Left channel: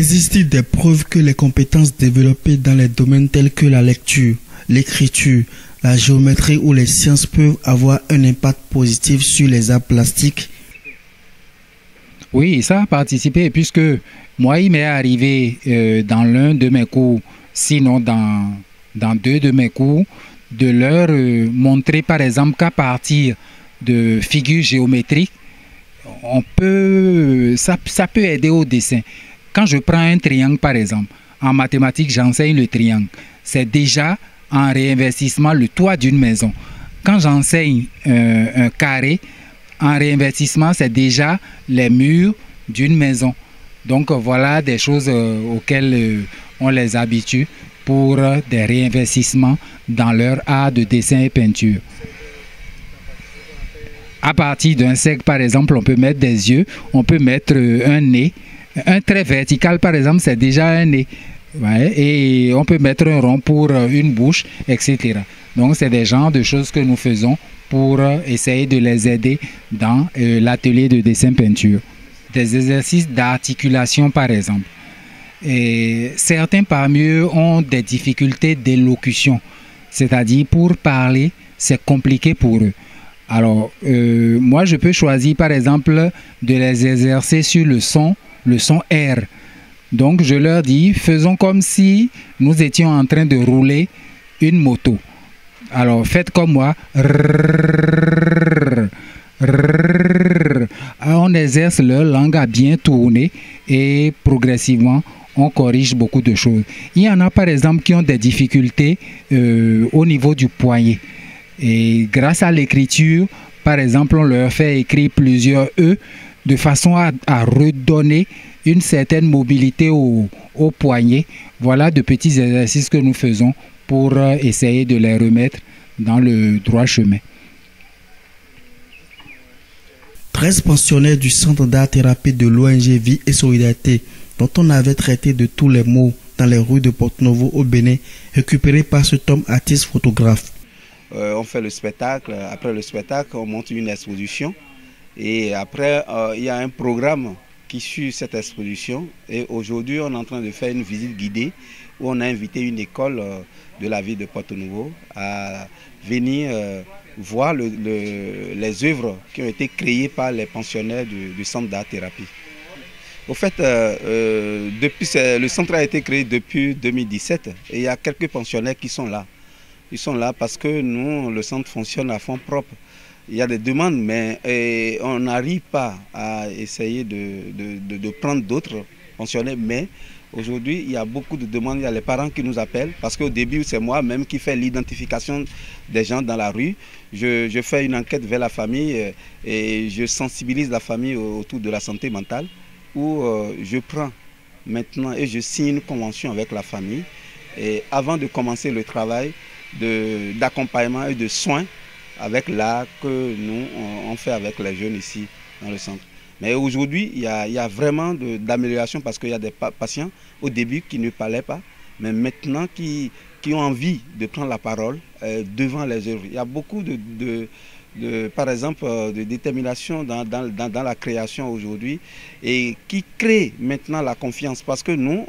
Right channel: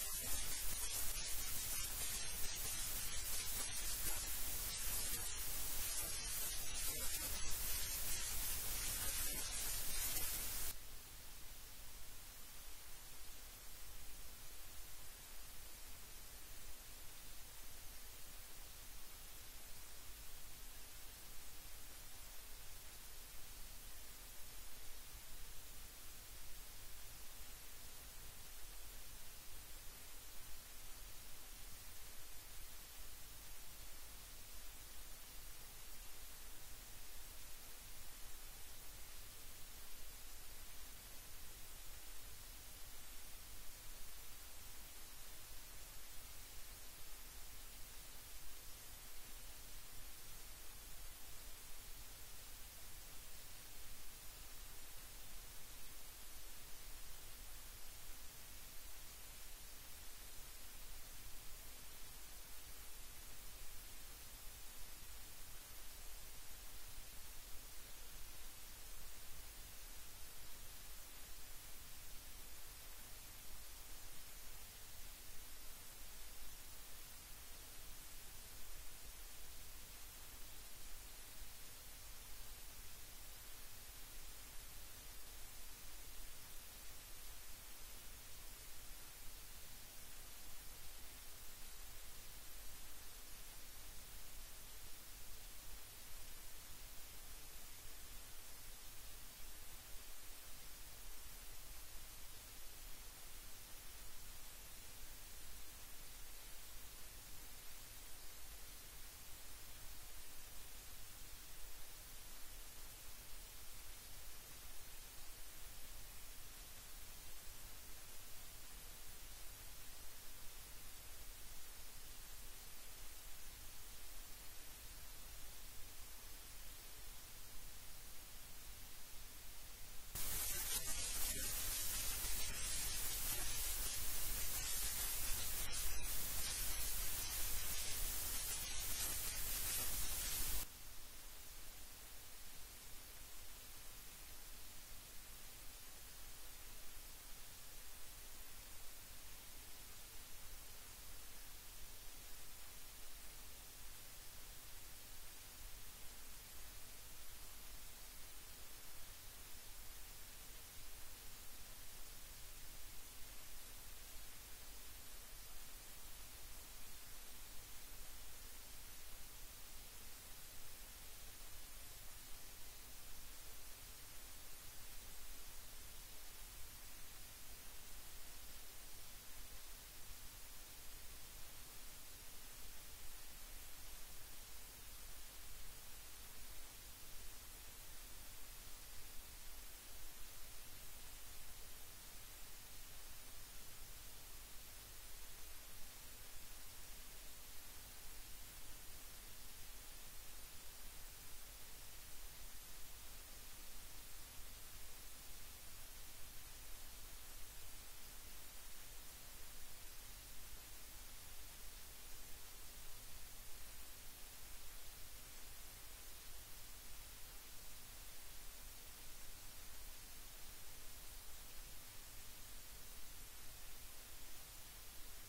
Existe-t-il des preuves que les compétences développées dans les domaines tels que la lecture, l'écriture, la géométrie ou les sciences peuvent avoir un impact positif sur les arts plastiques? Oui, ça a participé puisque moi, il m'est arrivé dans l'un de mes cours, sinon dans deux de mes cours, de leur montrer par exemple qu'à partir de figures géométriques, ça peut aider au dessin. Quand je prends un triangle par exemple, en mathématiques j'enseigne le triangle. C'est déjà en réinvestissement le toit d'une maison. Quand j'enseigne un carré, en réinvestissement, c'est déjà les murs d'une maison. Donc voilà des choses auxquelles on les habitue pour des réinvestissements dans leur art de dessin et peinture. À partir d'un cercle, par exemple, on peut mettre des yeux, on peut mettre un nez. Un trait vertical, par exemple, c'est déjà un nez. Ouais, et on peut mettre un rond pour une bouche, etc. Donc c'est des genres de choses que nous faisons pour essayer de les aider dans l'atelier de dessin-peinture. Des exercices d'articulation par exemple. Et certains parmi eux ont des difficultés d'élocution, c'est-à-dire pour parler, c'est compliqué pour eux. Alors, moi je peux choisir par exemple de les exercer sur le son R. Donc je leur dis, faisons comme si nous étions en train de rouler une moto. Alors faites comme moi. On exerce leur langue à bien tourner et progressivement on corrige beaucoup de choses. Il y en a par exemple qui ont des difficultés au niveau du poignet. Et grâce à l'écriture, par exemple, on leur fait écrire plusieurs E de façon à redonner une certaine mobilité au poignet. Voilà de petits exercices que nous faisons pour essayer de les remettre dans le droit chemin. 13 pensionnaires du Centre d'art-thérapie de l'ONG Vie et Solidarité, dont on avait traité de tous les maux dans les rues de Porto-Novo au Bénin, récupérés par cet homme artiste-photographe. On fait le spectacle, après le spectacle, on monte une exposition et après il y a un programme qui suit cette exposition et aujourd'hui on est en train de faire une visite guidée où on a invité une école de la ville de Porto-Novo à venir voir les œuvres qui ont été créées par les pensionnaires du centre d'art-thérapie. Au fait, le centre a été créé depuis 2017 et il y a quelques pensionnaires qui sont là. Ils sont là parce que nous, le centre fonctionne à fonds propres. Il y a des demandes, mais on n'arrive pas à essayer de prendre d'autres pensionnaires. Mais aujourd'hui, il y a beaucoup de demandes. Il y a les parents qui nous appellent parce qu'au début, c'est moi-même qui fais l'identification des gens dans la rue. Je fais une enquête vers la famille et je sensibilise la famille autour de la santé mentale où je prends maintenant et je signe une convention avec la famille. Et avant de commencer le travail d'accompagnement et de soins avec l'art que nous on fait avec les jeunes ici dans le centre. Mais aujourd'hui, il y a vraiment d'amélioration parce qu'il y a des patients au début qui ne parlaient pas, mais maintenant qui ont envie de prendre la parole devant les œuvres. Il y a beaucoup par exemple, de détermination dans la création aujourd'hui et qui crée maintenant la confiance parce que nous,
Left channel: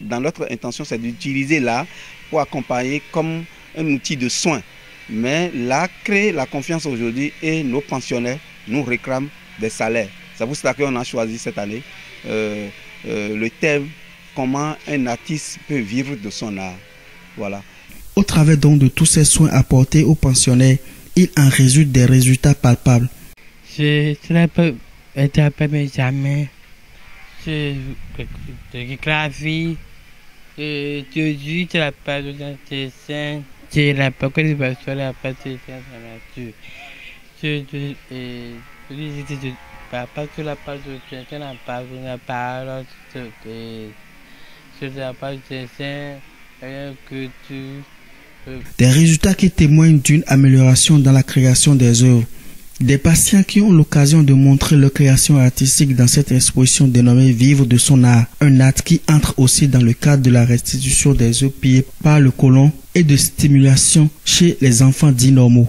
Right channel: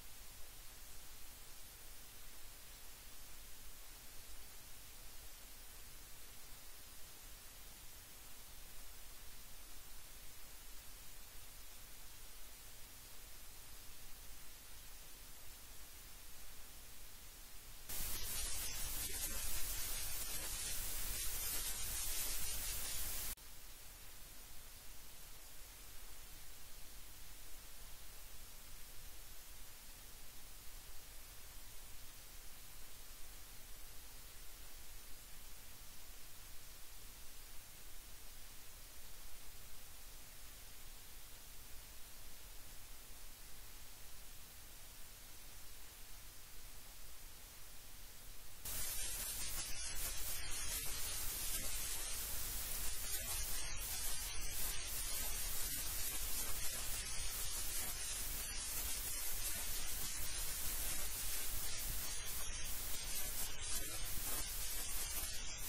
dans notre intention, c'est d'utiliser l'art pour accompagner comme un outil de soin. Mais l'art crée la confiance aujourd'hui et nos pensionnaires nous réclament des salaires. C'est pour cela qu'on a choisi cette année le thème « Comment un artiste peut vivre de son art ». Voilà. Au travers donc de tous ces soins apportés aux pensionnaires, il en résulte des résultats palpables. Je ne peux être pas jamais. Je graphie. Aujourd'hui, je n'ai pas de dessin. Je n'ai pas de dessin. Je n'ai pas de dessin. Parce que la part de dessin n'a pas de dessin. Rien que tu. Des résultats qui témoignent d'une amélioration dans la création des œuvres. Des patients qui ont l'occasion de montrer leur création artistique dans cette exposition dénommée Vivre de son art. Un acte qui entre aussi dans le cadre de la restitution des œuvres pillées par le colon et de stimulation chez les enfants dits normaux.